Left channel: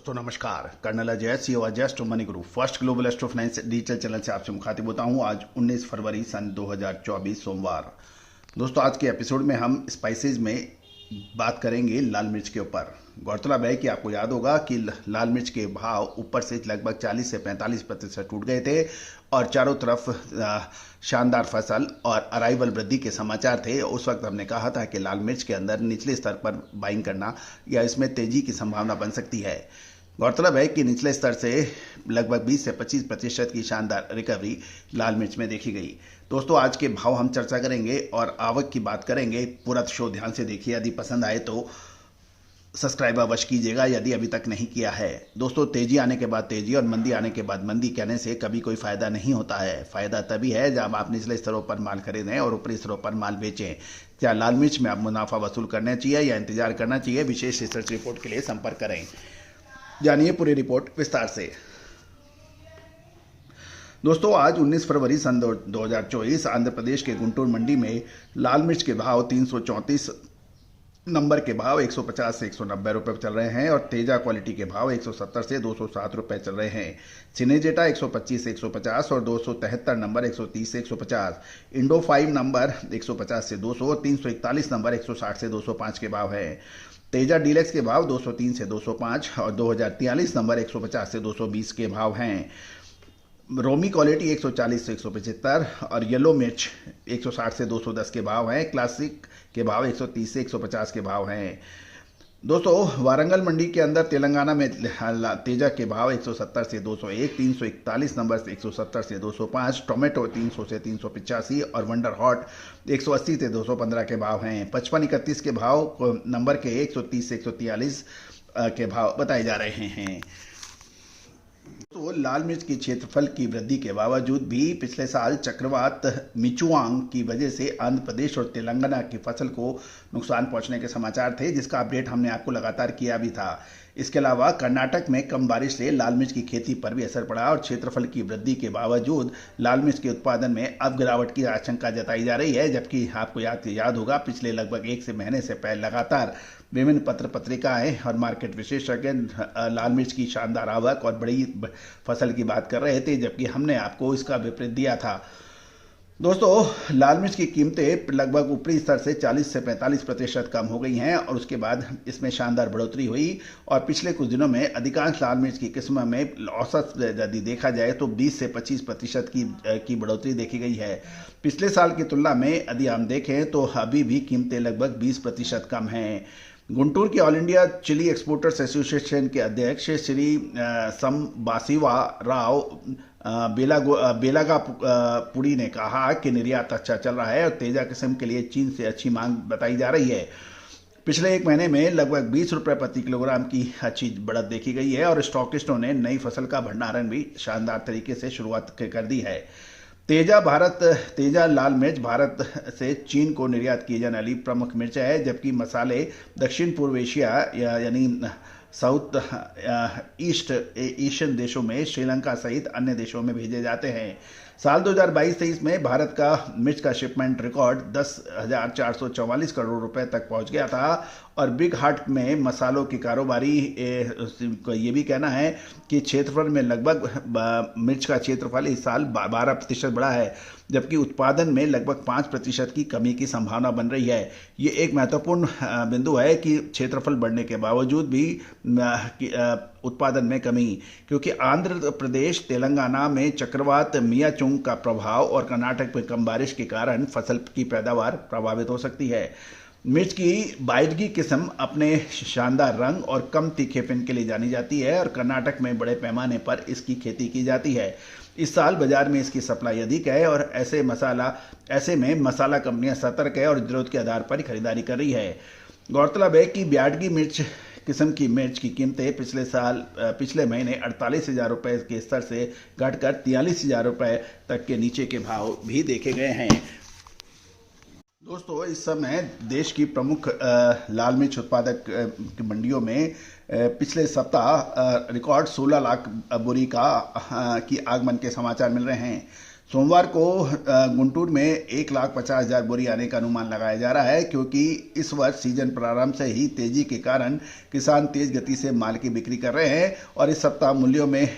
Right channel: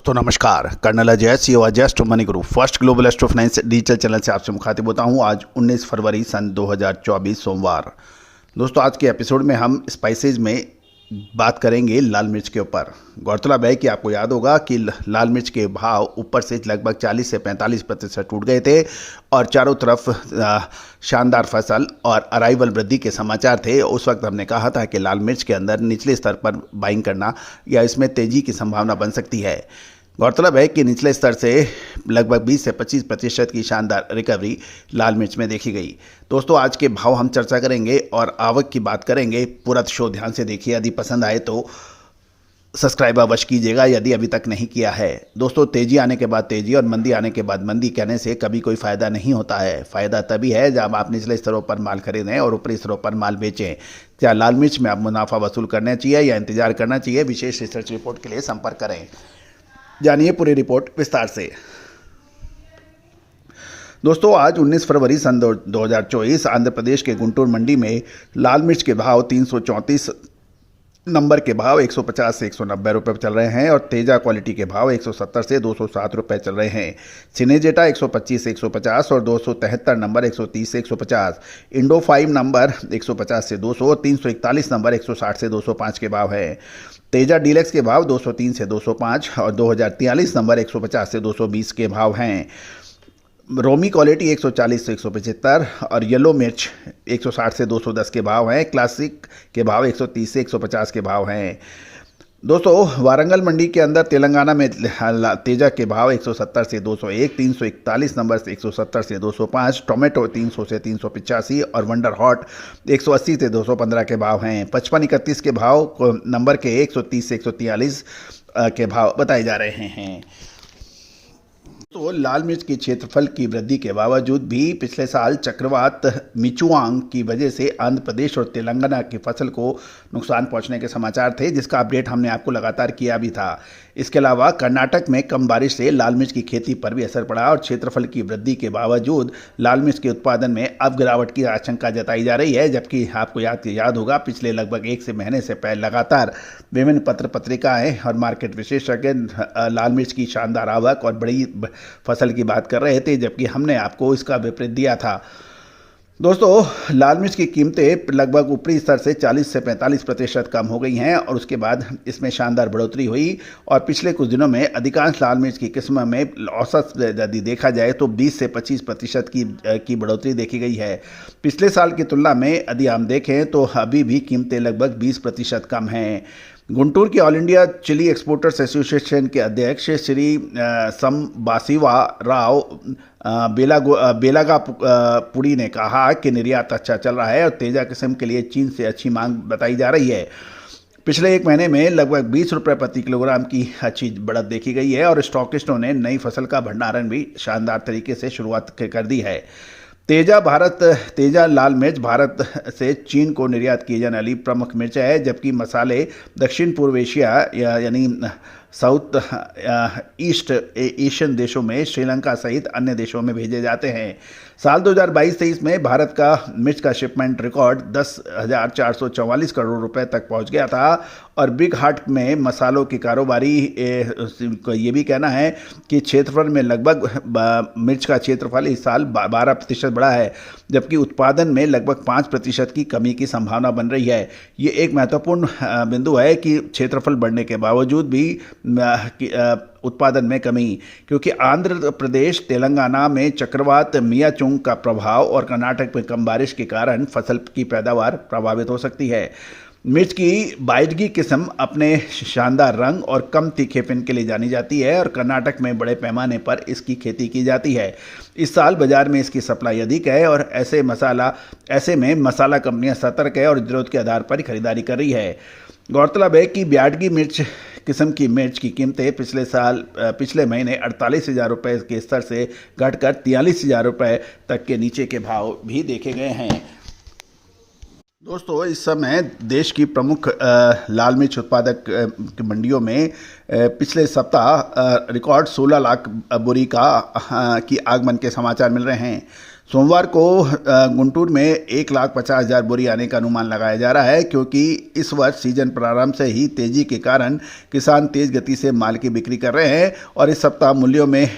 दोस्तों नमस्कार। Colonel Ajay CO Ajay astro money group first global astro finance digital channel से आपसे मुखातिब होता हूं। आज 19 फरवरी सन 2024 सोमवार। दोस्तों आज के एपिसोड में हम स्पाइसेज में बात करेंगे लाल मिर्च के ऊपर। गौरतलब है कि आपको याद होगा कि लाल मिर्च के भाव ऊपर से लगभग 40 से 45% टूट गए थे और चारों तरफ शानदार फसल और अराइवल वृद्धि के समाचार थे। उस वक्त हमने कहा था कि लाल मिर्च के अंदर निचले स्तर पर बाइंग करना या इसमें तेजी की संभावना बन सकती है। गौरतलब है कि निचले स्तर से लगभग 20 से 25% की शानदार रिकवरी लाल मिर्च में देखी गई। दोस्तों आज के भाव हम चर्चा करेंगे और आवक की बात करेंगे। पूरा शो ध्यान से देखिए, यदि पसंद आए तो सब्सक्राइब अवश्य कीजिएगा यदि अभी तक नहीं किया है। दोस्तों तेजी आने के बाद तेजी और मंदी आने के बाद मंदी कहने से कभी कोई फ़ायदा नहीं होता है। फ़ायदा तभी है जब आप निचले स्तरों पर माल खरीदें और ऊपरी स्तरों पर माल बेचें। क्या लाल मिर्च में आप मुनाफा वसूल करना चाहिए या इंतजार करना चाहिए? विशेष रिसर्च रिपोर्ट के लिए संपर्क करें। जानिए पूरी रिपोर्ट विस्तार से। दोस्तों आज 19 फरवरी सन 2024 आंध्र प्रदेश के गुंटूर मंडी में लाल मिर्च के भाव 334 नंबर के भाव 150 से 190 रुपये चल रहे हैं और तेजा क्वालिटी के भाव 170 से 207 रुपये चल रहे हैं। सिनेजेटा 125 से 150 और 273 नंबर 130 से 150। इंडो 5 नंबर 150 से 200 और 341 नंबर 160 से 205 के भाव है। तेजा डीलक्स के भाव 203 से 205 और 2043 नंबर 150 से 220 के भाव हैं। रोमी क्वालिटी 140 से 175 और येलो मिर्च 160 से 210 के भाव हैं। क्लासिक के भाव 130 से 150 के भाव हैं। दोस्तों वारंगल मंडी के अंदर तेलंगाना में तेजा के भाव 170 से 201, 341 नंबर से 170 से 205, टोमेटो 300 से 385 और वंडर हॉट 180 से 215 के भाव हैं। 5531 के भाव नंबर के 130 से 143 के भाव बताए जा रहे हैं। तो लाल मिर्च के क्षेत्रफल की वृद्धि के बावजूद भी पिछले साल चक्रवात मिचुआंग की वजह से आंध्र प्रदेश और तेलंगाना की फसल को नुकसान पहुंचने के समाचार थे, जिसका अपडेट हमने आपको लगातार किया भी था। इसके अलावा कर्नाटक में कम बारिश से लाल मिर्च की खेती पर भी असर पड़ा और क्षेत्रफल की वृद्धि के बावजूद लाल मिर्च के उत्पादन में अब गिरावट की आशंका जताई जा रही है। जबकि आपको याद होगा पिछले लगभग एक से महीने से पहले लगातार विभिन्न पत्र पत्रिकाएं और मार्केट विशेषज्ञ लाल मिर्च की शानदार आवक और बड़ी फसल की बात कर रहे थे, जबकि हमने आपको इसका विपरीत दिया था। दोस्तों लाल मिर्च की कीमतें लगभग ऊपरी स्तर से 40 से 45% कम हो गई हैं और उसके बाद इसमें शानदार बढ़ोतरी हुई और पिछले कुछ दिनों में अधिकांश लाल मिर्च की किस्म में औसत यदि देखा जाए तो 20 से 25% की बढ़ोतरी देखी गई है। पिछले साल की तुलना में यदि हम देखें तो अभी भी कीमतें लगभग 20% कम हैं। गुंटूर के all India chili exporters association के अध्यक्ष श्री संबासिवा राव बेलागापुड़ी ने कहा कि निर्यात अच्छा चल रहा है और तेजा किस्म के लिए चीन से अच्छी मांग बताई जा रही है। पिछले एक महीने में लगभग 20 रुपये प्रति किलोग्राम की अच्छी बढ़त देखी गई है और स्टॉकिस्टों ने नई फसल का भंडारण भी शानदार तरीके से शुरुआत कर दी है। तेजा लाल मिर्च भारत से चीन को निर्यात की जाने वाली प्रमुख मिर्च है, जबकि मसाले दक्षिण पूर्व एशिया यानी साउथ ईस्ट एशियन देशों में श्रीलंका सहित अन्य देशों में भेजे जाते हैं। साल 2022-23 में भारत का मिर्च का शिपमेंट रिकॉर्ड 10,444 करोड़ रुपए तक पहुंच गया था और बिग हाट में मसालों की कारोबारी ये भी कहना है कि क्षेत्रफल में लगभग मिर्च का क्षेत्रफल इस साल 12% बढ़ा है, जबकि उत्पादन में लगभग 5% की कमी की संभावना बन रही है। ये एक महत्वपूर्ण बिंदु है कि क्षेत्रफल बढ़ने के बावजूद भी उत्पादन में कमी, क्योंकि आंध्र प्रदेश तेलंगाना में चक्रवात मियाचुंग का प्रभाव और कर्नाटक में कम बारिश के कारण फसल की पैदावार प्रभावित हो सकती है। मिर्च की बाइडगी किस्म अपने शानदार रंग और कम तीखेपन के लिए जानी जाती है और कर्नाटक में बड़े पैमाने पर इसकी खेती की जाती है। इस साल बाजार में इसकी सप्लाई अधिक है और ऐसे में मसाला कंपनियां सतर्क है और जरूरत के आधार पर खरीदारी कर रही है। गौरतलब है कि ब्याडगी मिर्च किस्म की मिर्च की कीमतें पिछले महीने 48,000 रुपये के स्तर से घटकर 43,000 रुपये तक के नीचे के भाव भी देखे गए हैं। दोस्तों इस समय देश की प्रमुख लाल मिर्च उत्पादक मंडियों में पिछले सप्ताह रिकॉर्ड 16 लाख बोरी की आगमन के समाचार मिल रहे हैं। सोमवार को गुंटूर में 1,50,000 बोरी आने का अनुमान लगाया जा रहा है, क्योंकि इस वर्ष सीजन प्रारंभ से ही तेजी के कारण किसान तेज गति से माल की बिक्री कर रहे हैं और इस सप्ताह मूल्यों में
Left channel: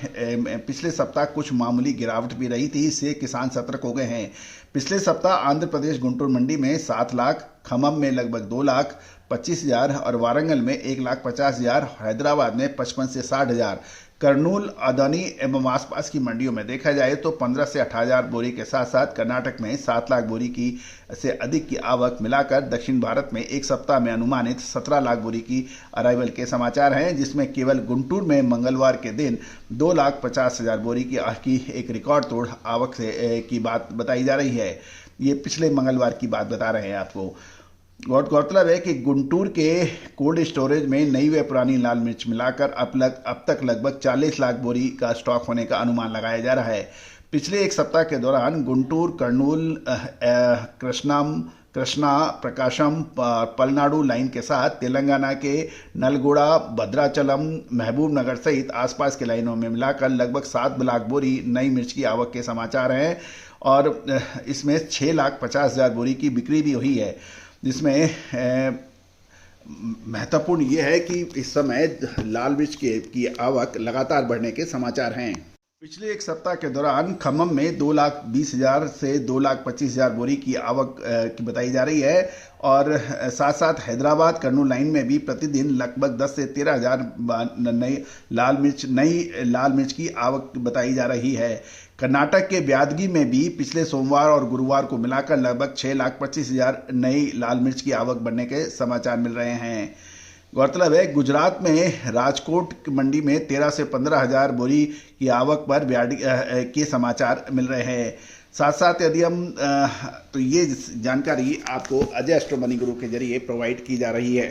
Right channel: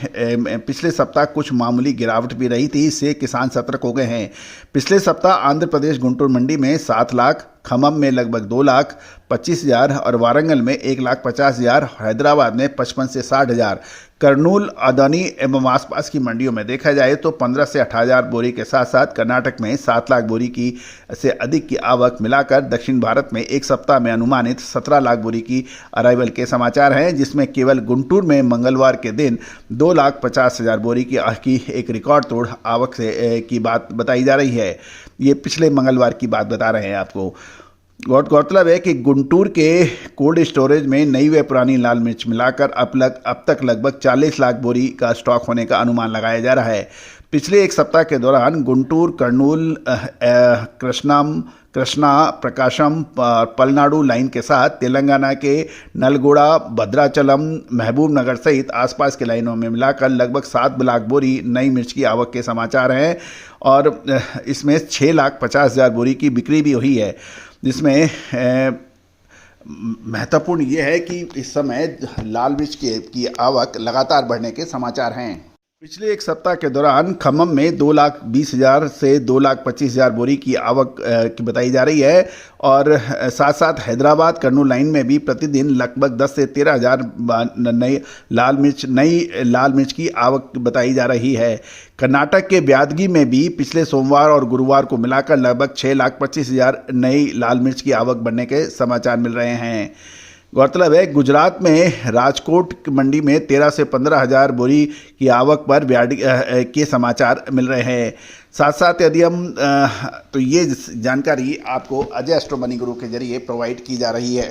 पिछले सप्ताह कुछ मामूली गिरावट भी रही थी, इससे किसान सतर्क हो गए हैं। पिछले सप्ताह आंध्र प्रदेश गुंटूर मंडी में 7 लाख, खम्मम में लगभग 2,25,000 और वारंगल में 1,50,000, हैदराबाद में 55 से 60,000, कर्नूल, अदानी एवं आसपास की मंडियों में देखा जाए तो 15 से 18,000 बोरी के साथ साथ कर्नाटक में 7 लाख बोरी की से अधिक की आवक मिलाकर दक्षिण भारत में एक सप्ताह में अनुमानित 17 लाख बोरी की अराइवल के समाचार हैं, जिसमें केवल गुंटूर में मंगलवार के दिन 2,50,000 बोरी की एक रिकॉर्ड तोड़ आवक की बात बताई जा रही है। ये पिछले मंगलवार की बात बता रहे हैं आपको। गौरतलब है कि गुंटूर के कोल्ड स्टोरेज में नई व पुरानी लाल मिर्च मिलाकर अब तक लगभग 40 लाख बोरी का स्टॉक होने का अनुमान लगाया जा रहा है। पिछले एक सप्ताह के दौरान गुंटूर, कर्नूल, कृष्णा, प्रकाशम, पलनाडु लाइन के साथ तेलंगाना के नलगोड़ा, भद्राचलम, महबूब नगर सहित आसपास के लाइनों में मिलाकर लगभग 7 लाख बोरी नई मिर्च की आवक के समाचार हैं और इसमें 6,50,000 बोरी की बिक्री भी हुई है, जिसमें महत्वपूर्ण ये है कि इस समय लाल मिर्च की आवक लगातार बढ़ने के समाचार हैं। पिछले एक सप्ताह के दौरान खम्मम में 2,20,000 से 2,25,000 बोरी की आवक की बताई जा रही है और साथ साथ हैदराबाद कर्नूल लाइन में भी प्रतिदिन लगभग 10 से 13,000 नई लाल मिर्च की आवक बताई जा रही है। कर्नाटक के ब्यादगी में भी पिछले सोमवार और गुरुवार को मिलाकर लगभग 6,25,000 नई लाल मिर्च की आवक बढ़ने के समाचार मिल रहे हैं। गौरतलब है गुजरात में राजकोट मंडी में 13 से 15,000 बोरी की आवक पर के समाचार मिल रहे हैं। साथ साथ यदि हम तो ये जानकारी आपको अजय एस्ट्रो मनी गुरु के जरिए प्रोवाइड की जा रही है।